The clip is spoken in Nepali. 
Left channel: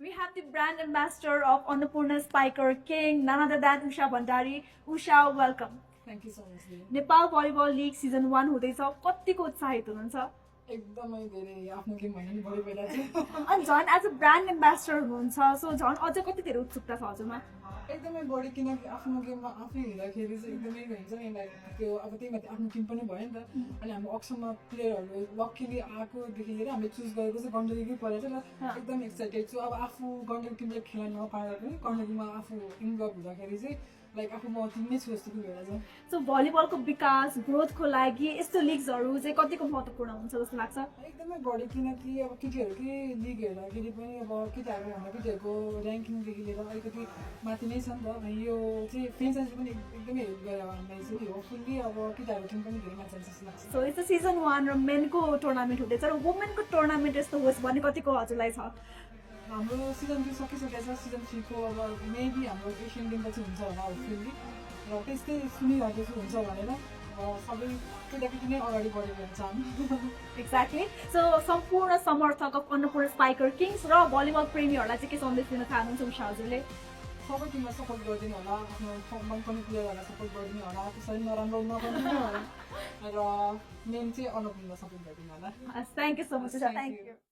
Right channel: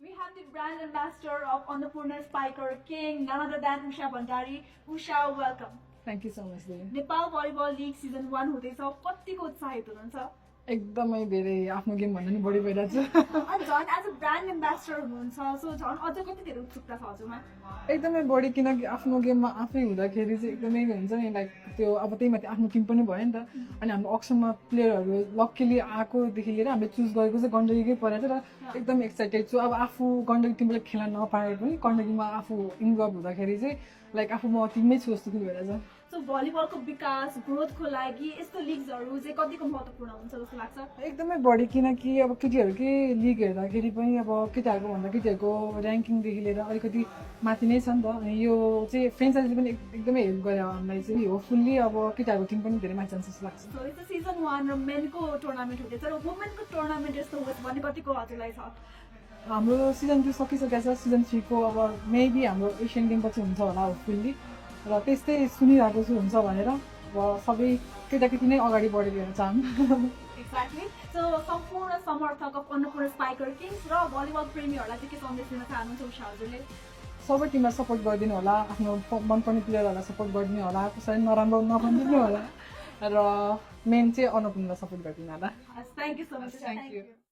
We have the brand ambassador of Annapurna Spiker King, none other than Usha Bhandari. Usha, welcome. Thank you so much, Devi. Nepal volleyball league season 1 हुँदैछ कतिको उत्साहित हुनुहुन्छ एकदमै धेरै आफ्नो गेम भन्दा नि बढी भइरहेको छु अनि झन् एज अ ब्रान्ड एम्बेसडर हुनुहुन्छ सो झन् अझ कति धेरै उत्सुकता छ हजुरमा एकदमै बढी किनकि आफ्नो गेममा आफै हुँदाखेरि चाहिँ एकदमै हुन्छ नि लाइक त्यो अब त्यही माथि आफ्नो टिम पनि भयो नि त अनि हाम्रो अक्सनमा प्लेयरहरू लक्कीली आएकोदेखि लिएर हामीले चुज गरेको चाहिँ गण्डकीकै परेको छ र एकदम एक्साइटेड छु अब आफू गण्डकी टिमबाट खेल्न नपाए पनि गण्डकीमा आफू इन्भल्भ हुँदाखेरि चाहिँ लाइक आफू म टिममै छु जस्तो फिल भइरहेछ सो भलिबलको विकास ग्रोथको लागि यस्तो लिग्सहरू चाहिँ कतिको महत्त्वपूर्ण हुन्छ जस्तो लाग्छ एकदमै बढी किनकि अब केटीहरूकै लिग हेर्दाखेरि पनि अब केटाहरूको भन्दा केटीहरूको ऱ्याङ्किङदेखि लिएर अलिकति माथि नै छ नि त अनि यो चाहिँ फ्रेन्चाइजीले पनि एकदमै हेल्प गर्यो हामीलाई चाहिँ होपफुल्ली अब केटाहरूको टिम पनि धेरै माथि जान्छ जस्तो लाग्छ सो यस्तो सिजन 1 र मेनको टुर्नामेन्ट हुँदैछ र वुमेनको टुर्नामेन्ट यस्तो होस् भन्ने कतिको हजुरलाई छ हाम्रो सिजन 2 सकिसकेको छ सिजन 3 को अब मेबी हाम्रो एसियन गेम पछि हुन्छ होला होपफुल्ली र त्यस्तै सुनिरहेको छु हुन्छ भनेर अब सबै केटाकेटी नै अगाडि बढेको चाहन् एक्ज्याक्टली सो सम्पूर्ण समर्थक अफ अन्नपूर्ण स्पाइकर किङ्स र भलिबल प्रेमीहरूलाई चाहिँ के सन्देश दिन चाहनुहुन्छ उषा हजुरले सबै टिमलाई सपोर्ट गरिदिनु होला आफ्नो मनपर्ने प्लेयरहरूलाई सपोर्ट गरिदिनु होला कसैले नराम्रो नभनिदिनु होला र मेन चाहिँ अन्नपूर्णलाई सपोर्ट गरिदिनु होला thank you so much thank you